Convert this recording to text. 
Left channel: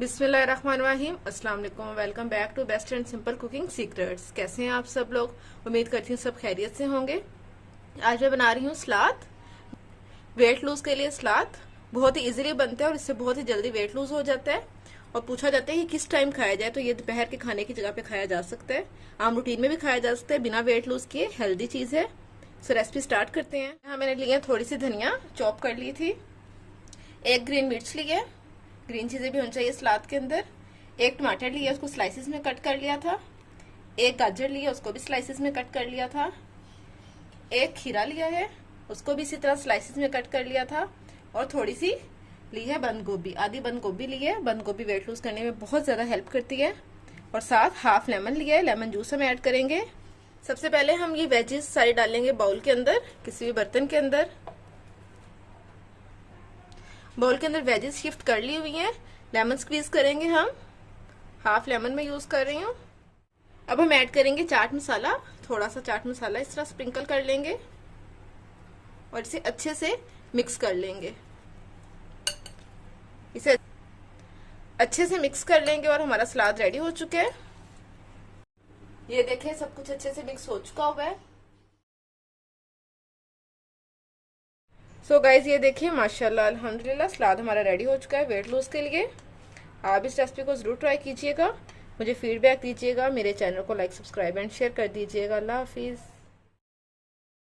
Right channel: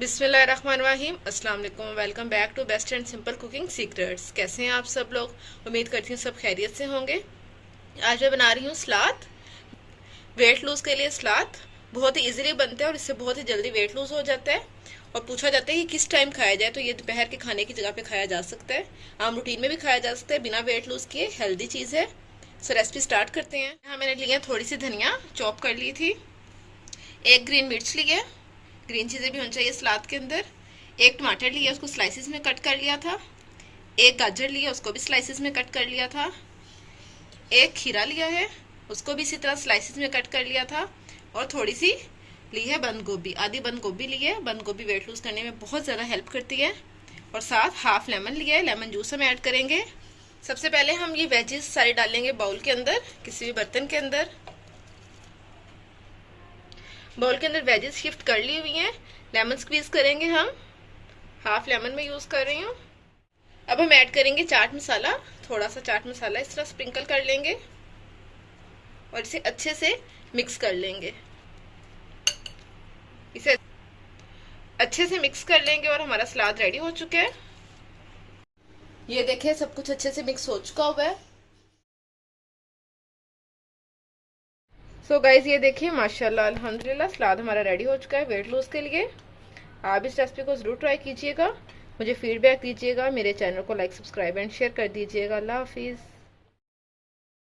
बिस्मिल्लाहिर्रहमानिर्रहीम। अस्सलाम वालेकुम। Welcome back to best and simple cooking secrets. कैसे हैं आप सब लोग? उम्मीद करती हूँ सब खैरियत से होंगे। आज मैं बना रही हूँ सलाद। वेट लूज के लिए सलाद बहुत ही इजीली बनता है और इससे बहुत ही जल्दी वेट लूज हो जाता है। और पूछा जाता है कि किस टाइम खाया जाए, तो ये दोपहर के खाने की जगह पे खाया जा सकता है, आम रूटीन में भी खाया जा सकता है, बिना वेट लूज किए हेल्दी चीज़ है। सो रेसिपी स्टार्ट करते हैं। यहाँ मैंने लिया थोड़ी सी धनिया चॉप कर ली थी, एक ग्रीन मिर्च ली है, ग्रीन चीज़ें भी होनी चाहिए सलाद के अंदर। एक टमाटर लिया, उसको स्लाइसिस में कट कर लिया था। एक गाजर लिया, उसको भी स्लाइसिस में कट कर लिया था। एक खीरा लिया है, उसको भी इसी तरह स्लाइसिस में कट कर लिया था। और थोड़ी सी ली है बंद गोभी, आधी बंद गोभी ली है। बंद गोभी वेट लूज करने में बहुत ज़्यादा हेल्प करती है। और साथ हाफ लेमन लिया है, लेमन जूस हम ऐड करेंगे। सबसे पहले हम ये वेजेस सारे डालेंगे बाउल के अंदर, किसी भी बर्तन के अंदर। बाउल के अंदर वेजेस शिफ्ट कर ली हुई हैं। लेमन स्क्वीज करेंगे हम, हाफ लेमन में यूज कर रही हूँ। अब हम ऐड करेंगे चाट मसाला, थोड़ा सा चाट मसाला इस तरह स्प्रिंकल कर लेंगे और इसे अच्छे से मिक्स कर लेंगे। इसे अच्छे से मिक्स कर लेंगे और हमारा सलाद रेडी हो चुका है। ये देखिए सब कुछ अच्छे से मिक्स हो चुका हुआ है। सो गाइज ये देखिए माशाल्लाह अल्हम्दुलिल्लाह सलाद हमारा रेडी हो चुका है वेट लूज के लिए। आप इस रेसिपी को जरूर ट्राई कीजिएगा, मुझे फीडबैक दीजिएगा। मेरे चैनल को लाइक सब्सक्राइब एंड शेयर कर दीजिएगा। अल्लाह हाफिज़।